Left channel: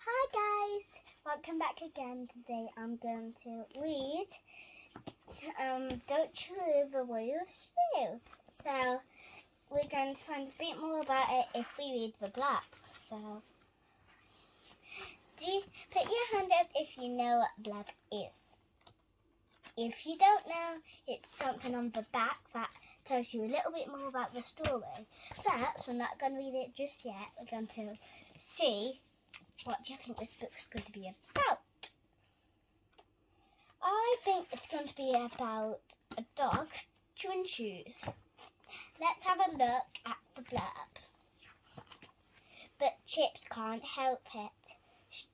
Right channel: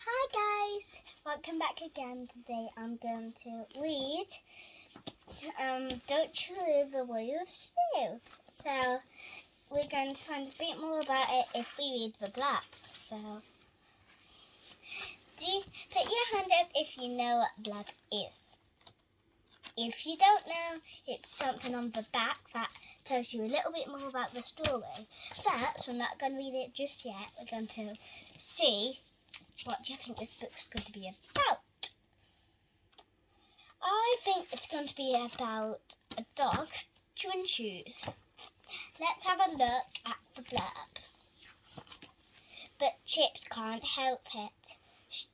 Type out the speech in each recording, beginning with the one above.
Hi guys, welcome back again. Today I'm going to read Don't You Live the Royal Shoe. So we're going to find a bit more about it if we read the black. So put your hand up if you know what black is. If you don't know, it's something on the back that tells you a little bit more about the story. But we're not going to read it just yet. We're going to see what do you think this book's going to be about. I think it's going to be about a dog chewing shoes. Let's have a look at the blurb. But Chips can't help it.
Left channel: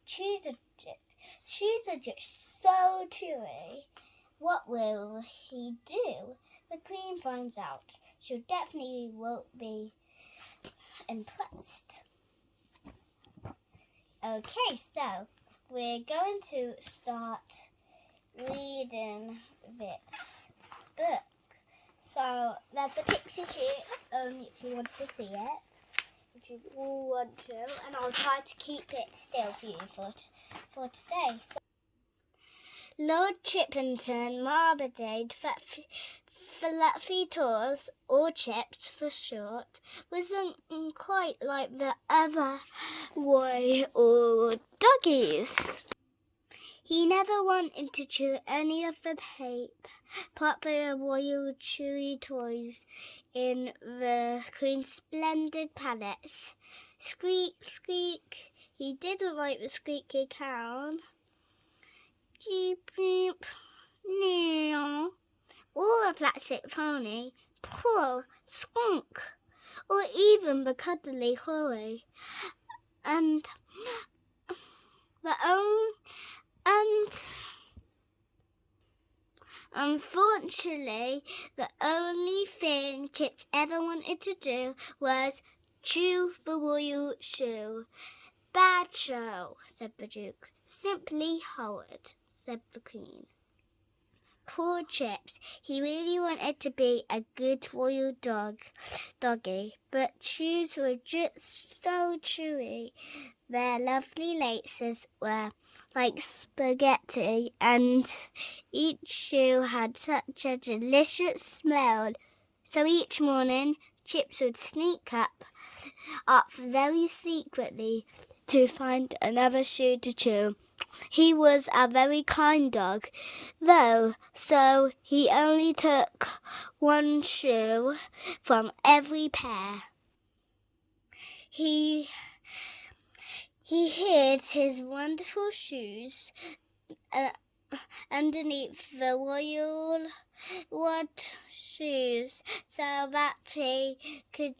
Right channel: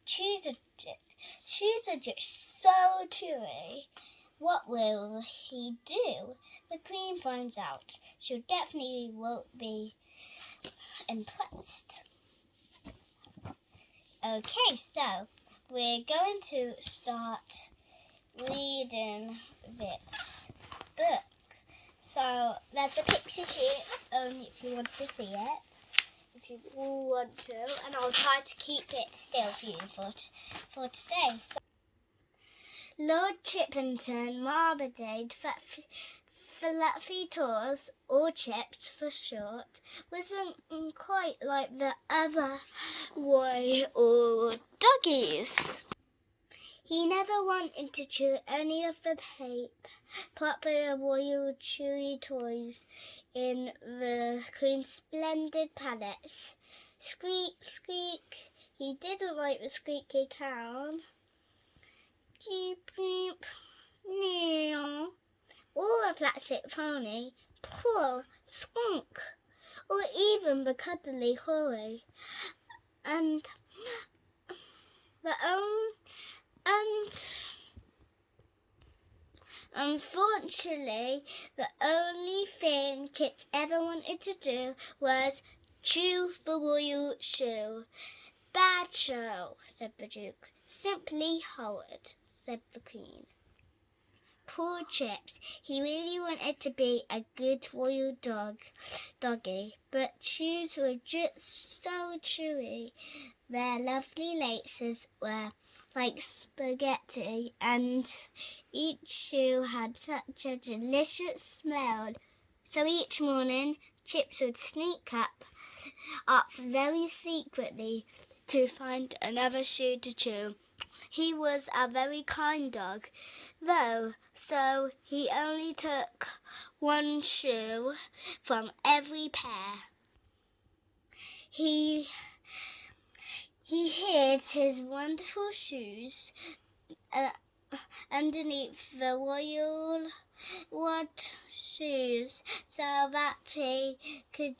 Shoes are just so chewy. What will he do? The Queen finds out. She definitely won't be impressed. Okay, so we're going to start reading this book. So there's a picture here, if you want to see it. If you all want to, and I'll try to keep it still for you for today. So, Lord Chippington Marmalade Fluffy Tours, or Chips for short, wasn't quite like the other royal doggies. He never wanted to chew any of the popular royal chewy toys in the Queen's splendid palace. Squeak, squeak. He didn't like the squeaky cow. Beep, beep, meow. Or a plastic pony, poor skunk, or even the cuddly Chloe. And unfortunately, the only thing Chips ever wanted to do was chew the royal shoe. Bad show, said the Duke. Simply horrid, said the Queen. Poor Chips. He really wanted to be a good royal doggy, but shoes were just so chewy. Their lovely laces were like spaghetti, and each shoe had such a delicious smell. So each morning, Chips would sneak up very secretly to find another shoe to chew. He was a very kind dog, though, so he only took one shoe from every pair. He hid his wonderful shoes underneath the royal wooden shoes so that he could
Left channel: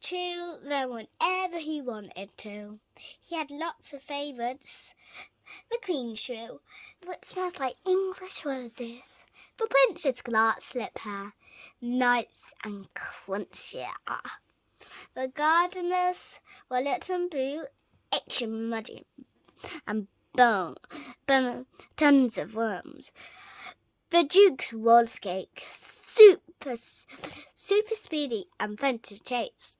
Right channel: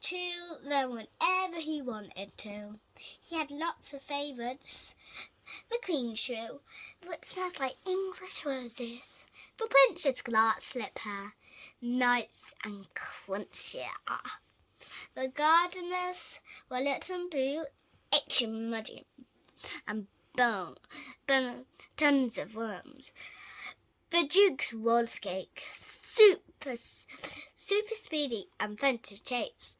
chew them whenever he wanted to. He had lots of favourites. The Queen's shoe, which smells like English roses. The Prince's glass slipper, nice and crunchy. The gardener's Wellington boot, itchy muddy, and bone, tons of worms. The Duke's roller skate, super speedy and fun to chase.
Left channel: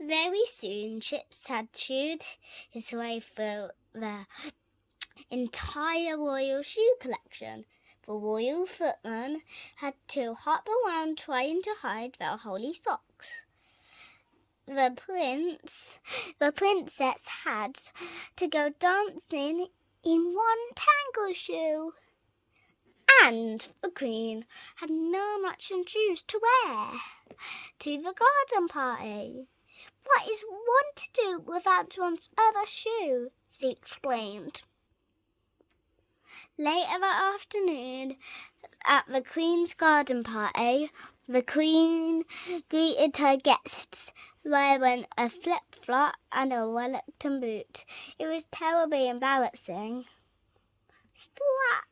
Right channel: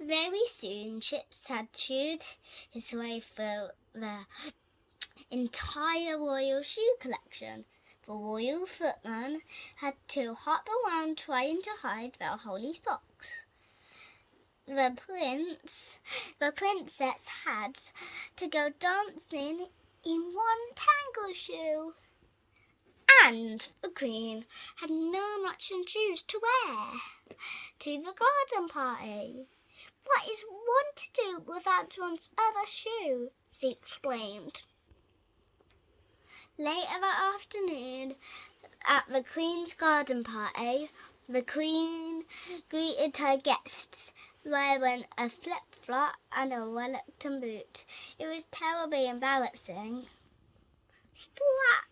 Very soon, Chips had chewed his way through the entire royal shoe collection. The royal footman had to hop around trying to hide their holy socks. The princess had to go dancing in one tangle shoe. And the Queen had no matching shoes to wear to the garden party. What is one to do without one's other shoe? She exclaimed. Later that afternoon, at the Queen's garden party, the Queen greeted her guests wearing a flip-flop and a Wellington boot. It was terribly embarrassing. Splat!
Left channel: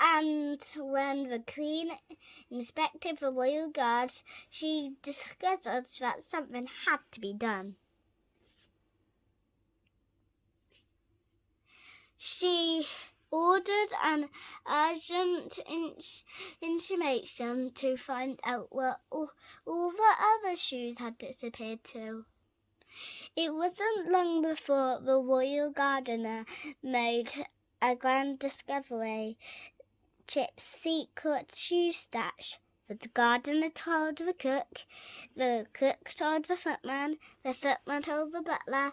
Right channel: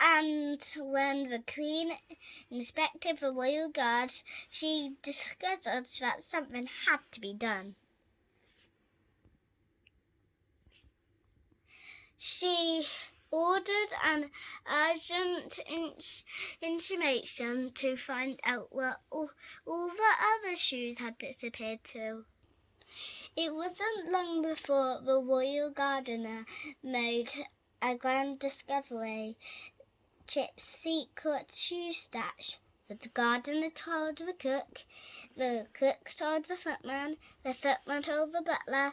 And when the Queen inspected the royal guards, she discovered that something had to be done. She ordered an urgent intimation to find out where all the other shoes had disappeared to. It wasn't long before the royal gardener made a grand discovery. Chip's secret shoe stash. The gardener told the cook told the footman told the butler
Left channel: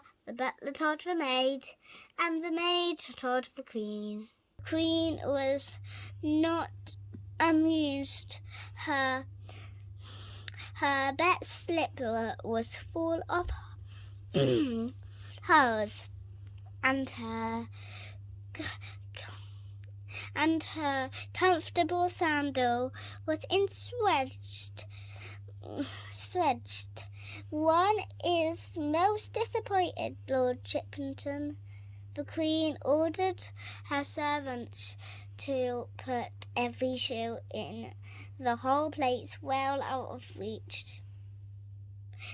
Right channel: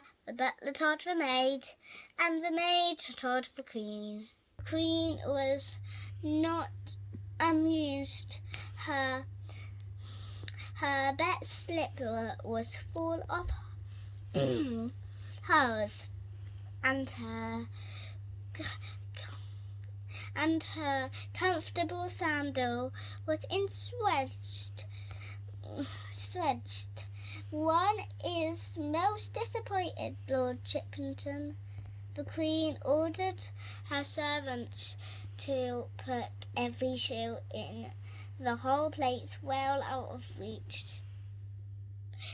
told the maid, and the maid told the queen. The queen was not amused. Her best slipper was full of holes, and her comfortable sandal was enswedged. One is most disappointed, Lord Chippenton. The Queen ordered her servants to put every shoe in the whole place well out of reach.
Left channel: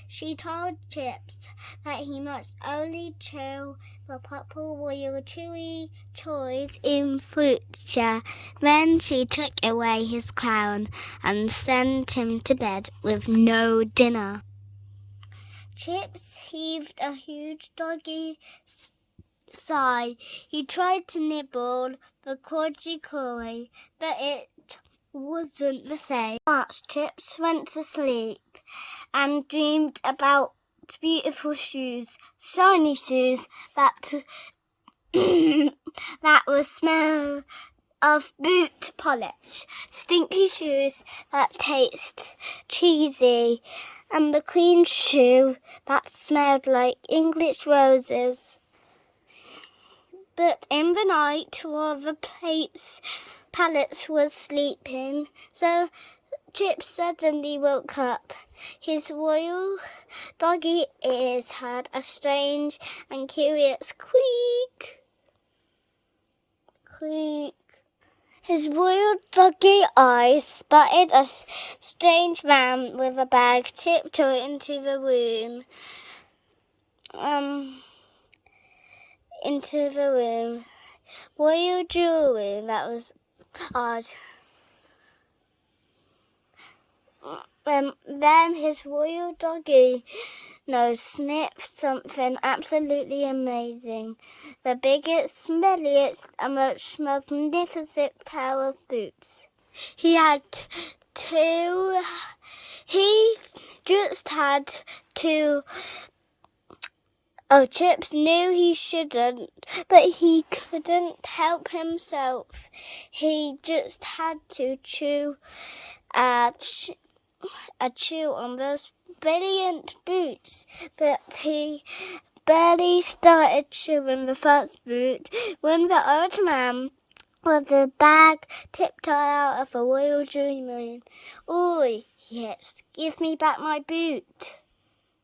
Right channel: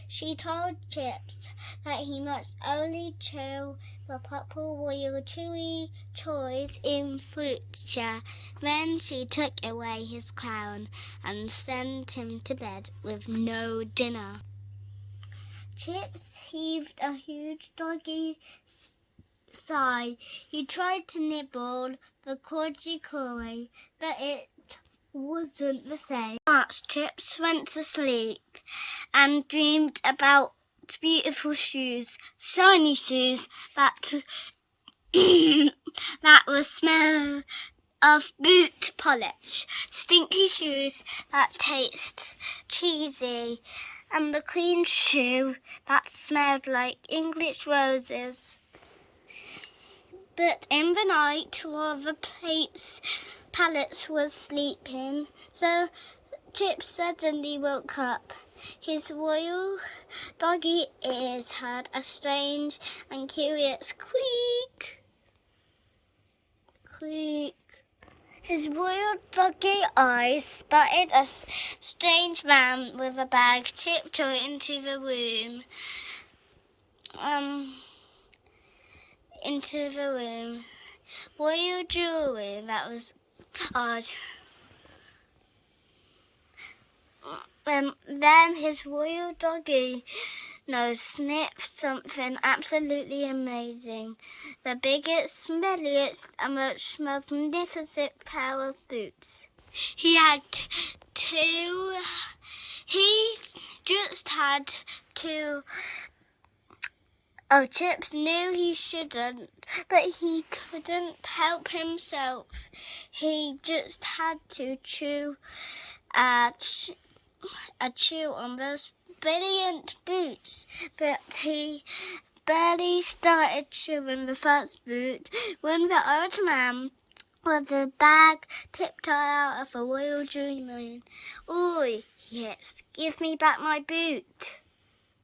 She told Chips that he must only chew the purple royal chewy toys in future. Then she took away his crown and sent him to bed with no dinner. Chips heaved a huge doggy sigh. He tried to nibble the cordgy coy, but it wasn't the same. March, Chips went to sleep and dreamed about beautiful shoes, shiny shoes that that would smell of boot polish, stinky shoes that taste cheesy, and the Queen's shoe that smelled like English roses. But in the night, while the palace was sleeping, so Chip suddenly woke up. His royal doggy ears had a strange and curious squeak. His royal doggy eyes spotted a strange man with a bag tiptoe into the room. Royal jewelry, that was odd. Then his royal doggy nose sniffed something absolutely amazing. The biggest, smelliest, and most magnificent pair of boots. He just had two. Oh, Chips knew he shouldn't, but he couldn't help himself. He just had to chew on those brilliant boots, but he barely started chewing the first boot when the old man with the bag tiptoed out of the royal dreamland. "Oi, yes, give me back my boot."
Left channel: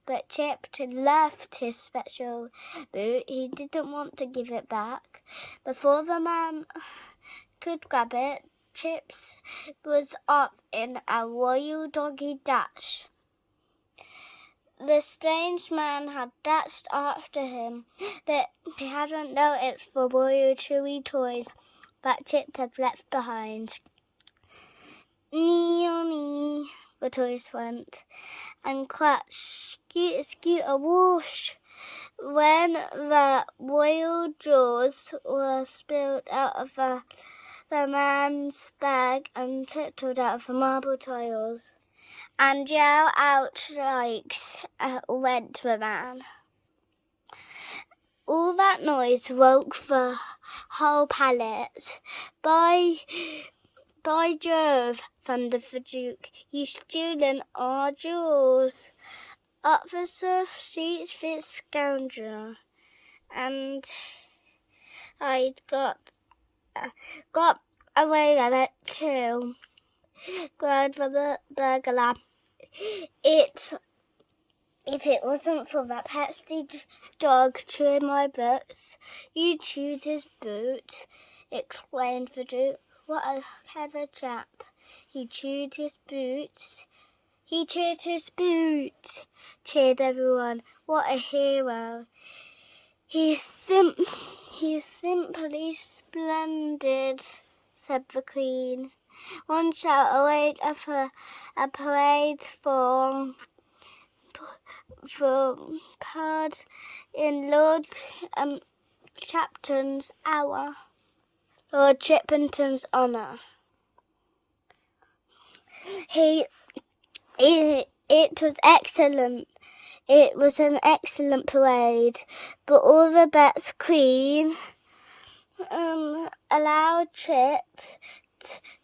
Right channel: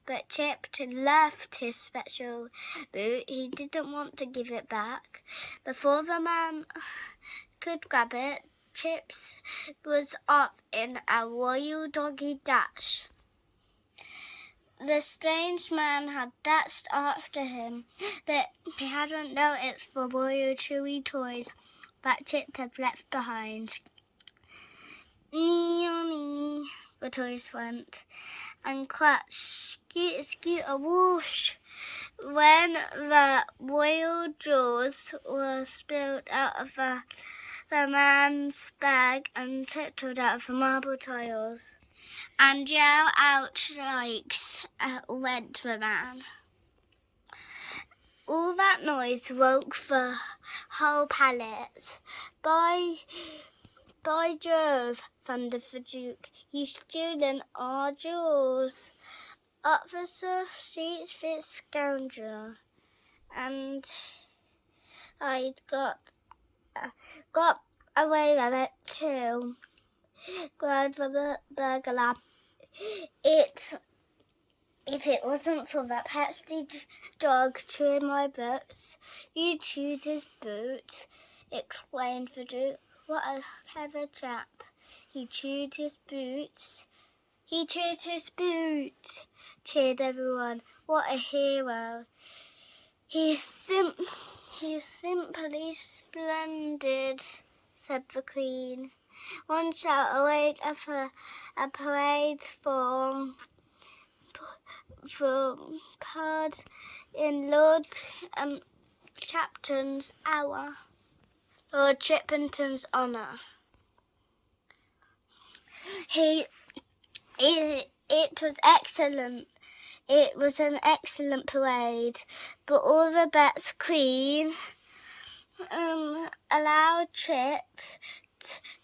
But Chip loved his special boot. He didn't want to give it back. Before the man could grab it, Chips was off in a royal doggy dash. The strange man had dashed after him, but he hadn't noticed the royal chewy toys that Chip had left behind. Nee-o-nee, the toys went, and crash, scooter, whoosh, when the royal jewels were spilled out of the man's bag and tiptoed out of the marble tiles. And yell out shrieks went the man. All that noise woke the whole palace. By Jove, thundered the Duke, you've stolen our jewels. Up the streets, this scoundrel, and I'd got away with it too, cried the burglar. If it wasn't for that pesky dog chewing my boots, you'd chewed his boot, explained the Duke. What a clever chap. He chewed his boots. He chewed his boots, cheered everyone. What a hero. He's simply splendid, said the Queen. One shall await a parade for from card in Lord Chapton's hour. Lord Chippenton's honour. It was excellent. It was an excellent parade, but all the bets Queen allowed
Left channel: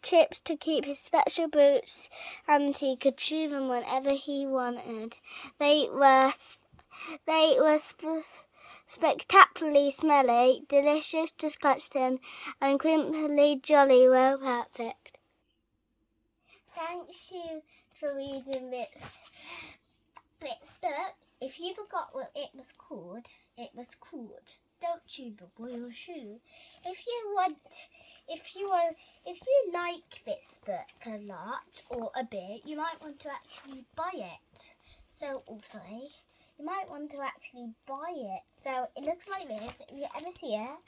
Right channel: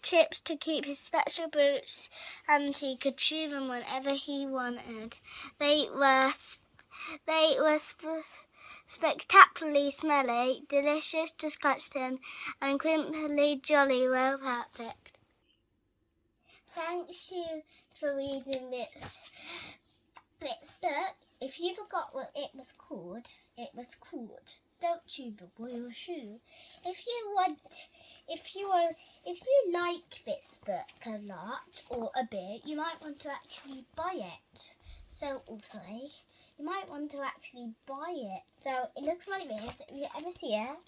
Chips to keep his special boots, and he could chew them whenever he wanted. They were spectacularly smelly, delicious, disgusting, and crimply jolly well perfect. Thanks you for reading this book. If you forgot what it was called, Don't You Bubble Your Shoe. If you like this book a lot or a bit, you might want to actually buy it. So also, you might want to actually buy it. So it looks like this. If you ever see it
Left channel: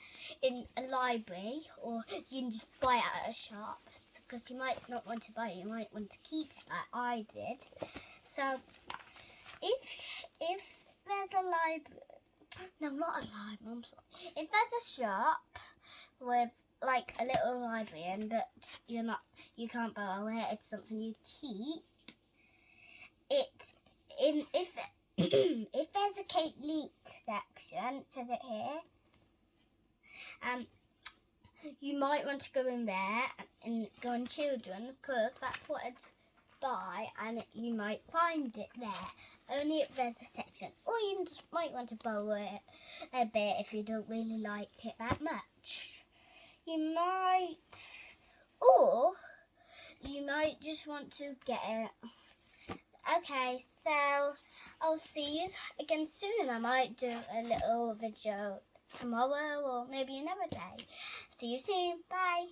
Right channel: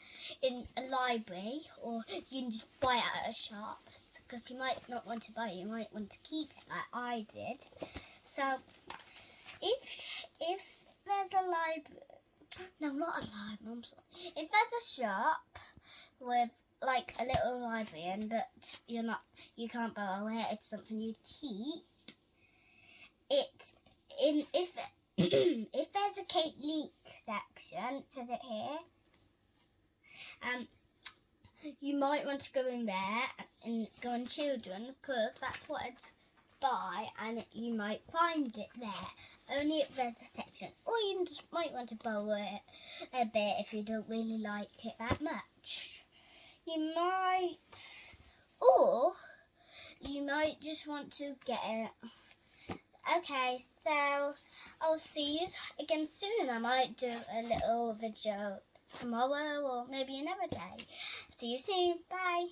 in a library, or you can just buy it at a shop, because you might not want to buy it, you might want to keep it like I did. So if there's a library, no, not a library, I'm sorry. If there's a shop with like a little library, and but you can't borrow it, it's something you keep. If there's a Leake section, it says it here. You might want to go in there and go on children's, because that's what it's by, and you might find it there. Only if there's a section, or you just might want to borrow it a bit if you don't really like it that much. You might just want to get it. Okay, so I'll see you again soon. I might do a little video tomorrow or maybe another day. See you soon. Bye.